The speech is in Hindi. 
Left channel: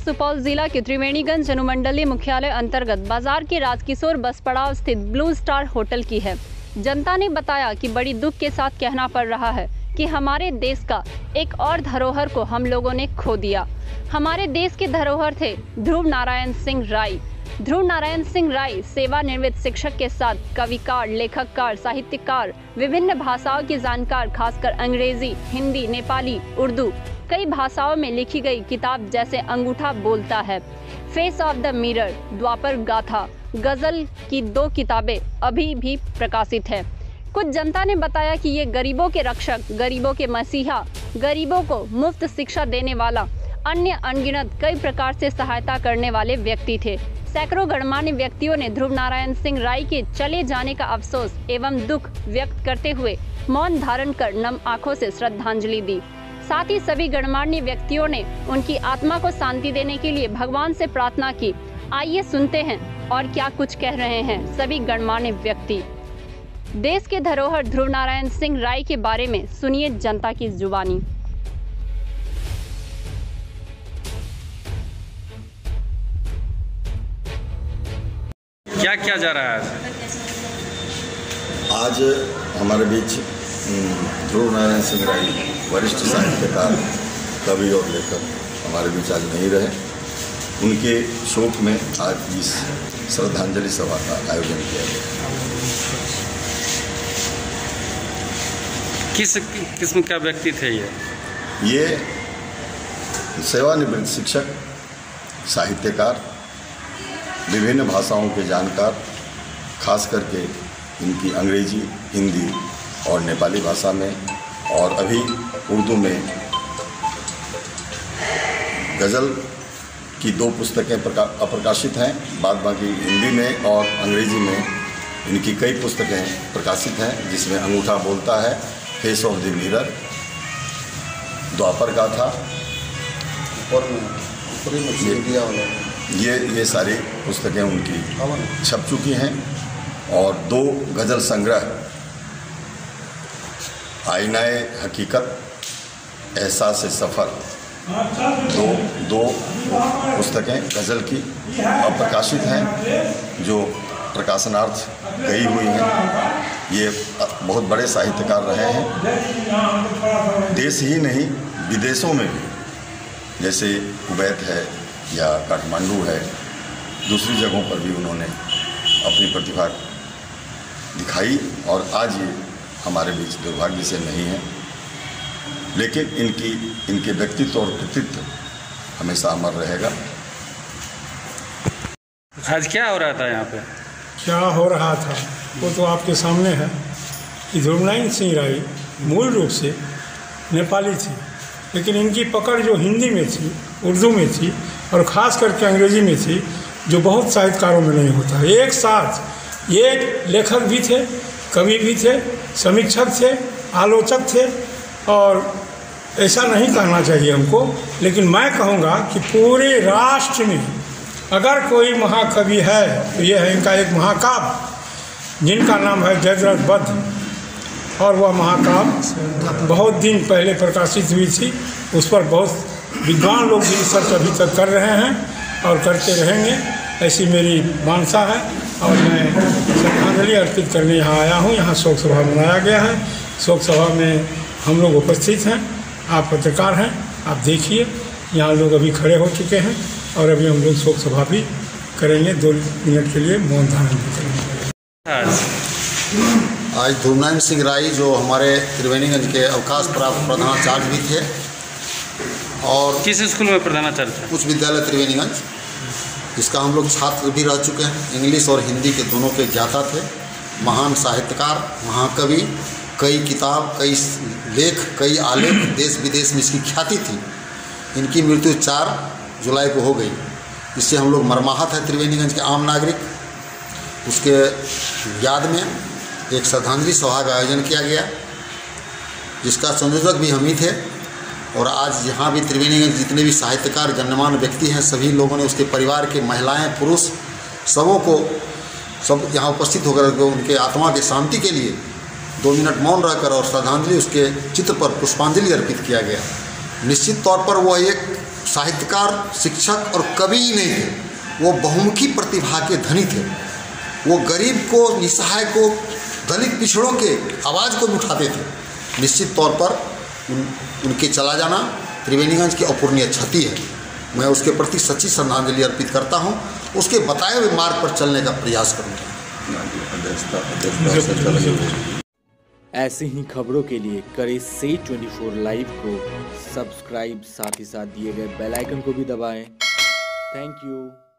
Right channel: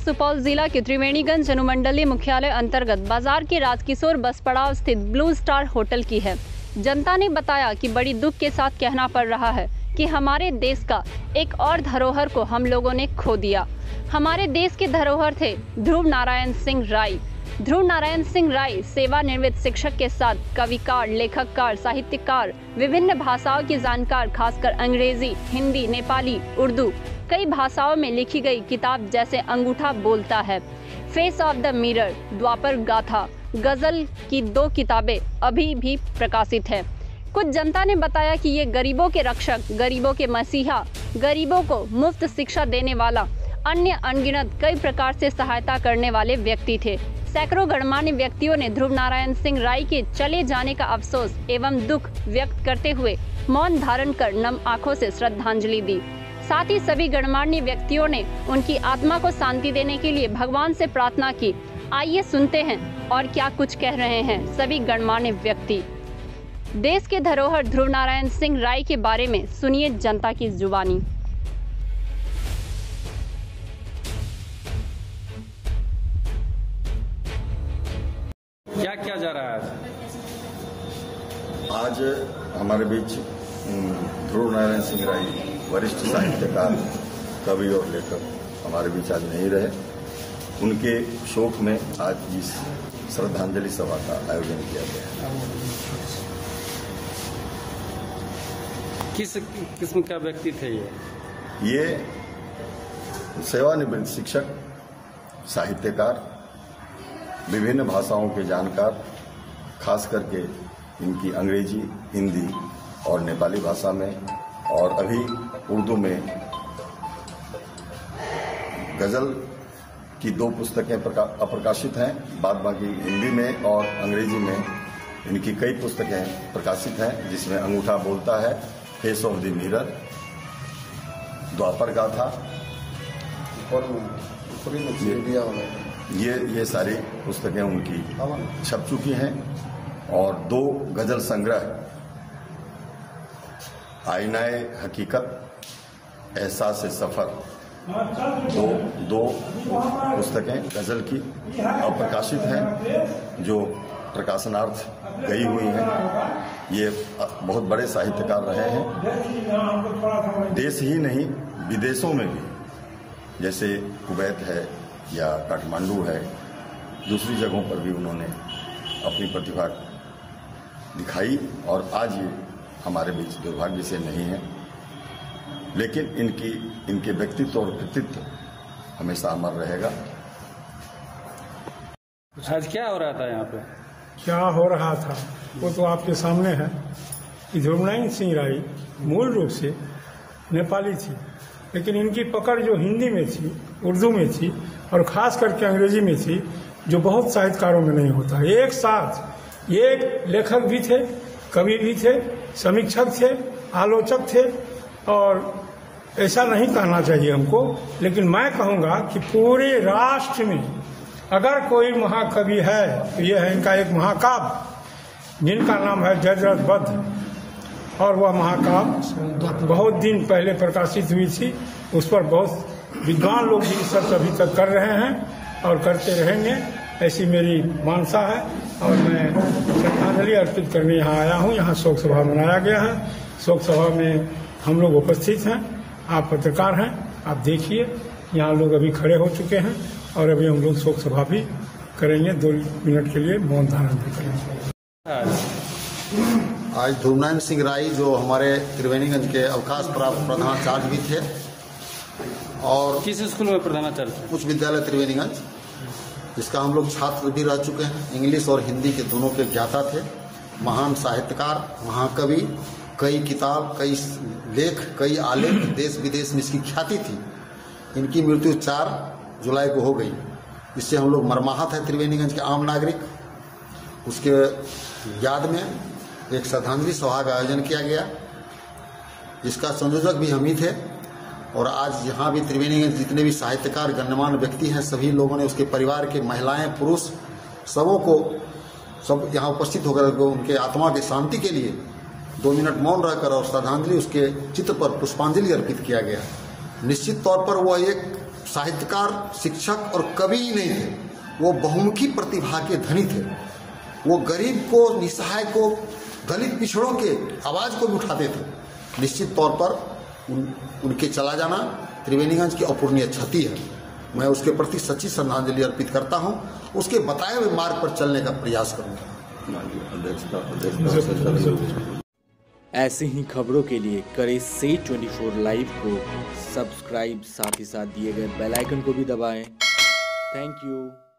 सुपौल जिला के त्रिवेणीगंज अनुमंडलीय मुख्यालय अंतर्गत बाजार के राजकिशोर बस पड़ाव स्थित ब्लू स्टार होटल की है। जनता ने बताया कि बड़ी दुख के साथ कहना पड़ रहा है कि हमारे देश का एक और धरोहर को हम लोगों ने खो दिया। हमारे देश के धरोहर थे ध्रुव नारायण सिंह राय। ध्रुव नारायण सिंह राय सेवानिवृत्त शिक्षक के साथ कविकार, लेखककार, साहित्यकार, विभिन्न भाषाओं के जानकार, खासकर अंग्रेजी, हिंदी, नेपाली, उर्दू, कई भाषाओं में लिखी गई किताब जैसे अंगूठा बोलता है, फेस ऑफ द मिरर, द्वापर गाथा, गजल की 2 किताबें अभी भी प्रकाशित है। कुछ जनता ने बताया कि ये गरीबों के रक्षक, गरीबों के मसीहा, गरीबों को मुफ्त शिक्षा देने वाला, अन्य अनगिनत कई प्रकार से सहायता करने वाले व्यक्ति थे। सैकड़ों गणमान्य व्यक्तियों ने ध्रुव नारायण सिंह राय के चले जाने का अफसोस एवं दुख व्यक्त करते हुए मौन धारण कर नम आंखों से श्रद्धांजलि दी। साथ ही सभी गणमान्य व्यक्तियों ने उनकी आत्मा को शांति देने के लिए भगवान से प्रार्थना की। आइए सुनते हैं और क्या कुछ कह रहे हैं सभी गणमान्य व्यक्ति। देश के धरोहर ध्रुव नारायण सिंह राय के बारे में सुनिए जनता की जुबानी। क्या क्या जा रहा है आज हमारे बीच ध्रुव नारायण सिंह राय वरिष्ठ साहित्यकार, कवि और लेखक हमारे बीच आज नहीं रहे। उनके शोक में आज इस श्रद्धांजलि सभा का आयोजन किया गया। किस किस्म का व्यक्ति थे ये सेवानिवृत्त शिक्षक, साहित्यकार, विभिन्न भाषाओं के जानकार, खास करके इनकी अंग्रेजी, हिंदी और नेपाली भाषा में और अभी उर्दू में गज़ल की 2 पुस्तकें अप्रकाशित हैं। बाद बाकी हिंदी में और अंग्रेजी में इनकी कई पुस्तकें प्रकाशित हैं, जिसमें अंगूठा बोलता है, फेस ऑफ द मिरर, द्वापर गाथा और ये सारी पुस्तकें उनकी छप चुकी हैं। और 2 गज़ल संग्रह, आईनाए हकीकत, एहसास सफ़र, दो पुस्तकें गज़ल की अप्रकाशित हैं, जो प्रकाशनार्थ गई हुई हैं। ये बहुत बड़े साहित्यकार रहे हैं, देश ही नहीं विदेशों में भी, जैसे कुवैत है या काठमांडू है, दूसरी जगहों पर भी उन्होंने अपनी प्रतिभा दिखाई। और आज ये हमारे बीच दुर्भाग्य से नहीं है, लेकिन इनके व्यक्तित्व और कृतित्व हमेशा अमर रहेगा। आज क्या हो रहा था यहाँ पे? क्या हो रहा था वो तो आपके सामने है कि ध्रुव नारायण सिंह राय मूल रूप से नेपाली थी, लेकिन इनकी पकड़ जो हिंदी में थी, उर्दू में थी और ख़ास करके अंग्रेजी में थी, जो बहुत साहित्यकारों में नहीं होता। एक साथ ये लेखक भी थे, कवि भी थे, समीक्षक थे, आलोचक थे। और ऐसा नहीं कहना चाहिए हमको, लेकिन मैं कहूँगा कि पूरे राष्ट्र में अगर कोई महाकवि है तो ये है इनका एक महाकाव्य, जिनका नाम है जजरत बद्ध। और वह महाकाव्य बहुत दिन पहले प्रकाशित हुई थी। उस पर बहुत विद्वान लोग भी रिसर्च अभी तक कर रहे हैं और करते रहेंगे, ऐसी मेरी मानसा है। और मैं श्रद्धांजलि अर्पित करने यहाँ आया हूँ। यहाँ शोक सभा मनाया गया है। शोक सभा में हम लोग उपस्थित हैं। आप पत्रकार हैं, आप देखिए, यहाँ लोग अभी खड़े हो चुके हैं और अभी हम लोग शोक सभा भी करेंगे। 2 मिनट के लिए मौन धारण करेंगे। आज ध्रुव नारायण सिंह राय जो हमारे त्रिवेणीगंज के अवकाश प्राप्त प्रधानाचार्य भी थे और किस स्कूल में प्रधानाचार्य थे? उच्च विद्यालय त्रिवेणीगंज, इसका हम लोग छात्र भी रह चुके हैं। इंग्लिश और हिंदी के दोनों के ज्ञाता थे। महान साहित्यकार, महाकवि, कई किताब, कई लेख, कई आलेख, देश विदेश में इसकी ख्याति थी। इनकी मृत्यु 4 जुलाई को हो गई। इससे हम लोग मर्माहत हैं, त्रिवेणीगंज के आम नागरिक। उसके याद में एक श्रद्धांजलि सभा का आयोजन किया गया, जिसका संयोजक भी हम ही थे। और आज यहाँ भी त्रिवेणीगंज जितने भी साहित्यकार, गण्यमान्य व्यक्ति हैं, सभी लोगों ने, उसके परिवार के महिलाएं, पुरुष, सब यहाँ उपस्थित होकर उनके आत्मा की शांति के लिए 2 मिनट मौन रहकर और श्रद्धांजलि उसके चित्र पर पुष्पांजलि अर्पित किया गया। निश्चित तौर पर वह एक साहित्यकार, शिक्षक और कवि ही नहीं थे, वो बहुमुखी प्रतिभा के धनी थे। वो गरीब को, निसहाय को, दलित पिछड़ों के आवाज़ को उठाते थे। निश्चित तौर पर उनके चला जाना त्रिवेणीगंज की अपूर्णीय क्षति है। मैं उसके प्रति सच्ची श्रद्धांजलि अर्पित करता हूँ। उसके बताए हुए मार्ग पर चलने का प्रयास करूँगा। ऐसे ही खबरों के लिए करें से 24 लाइव को सब्सक्राइब, साथ ही साथ दिए गए बेल आइकन को भी दबाएं। Thank you.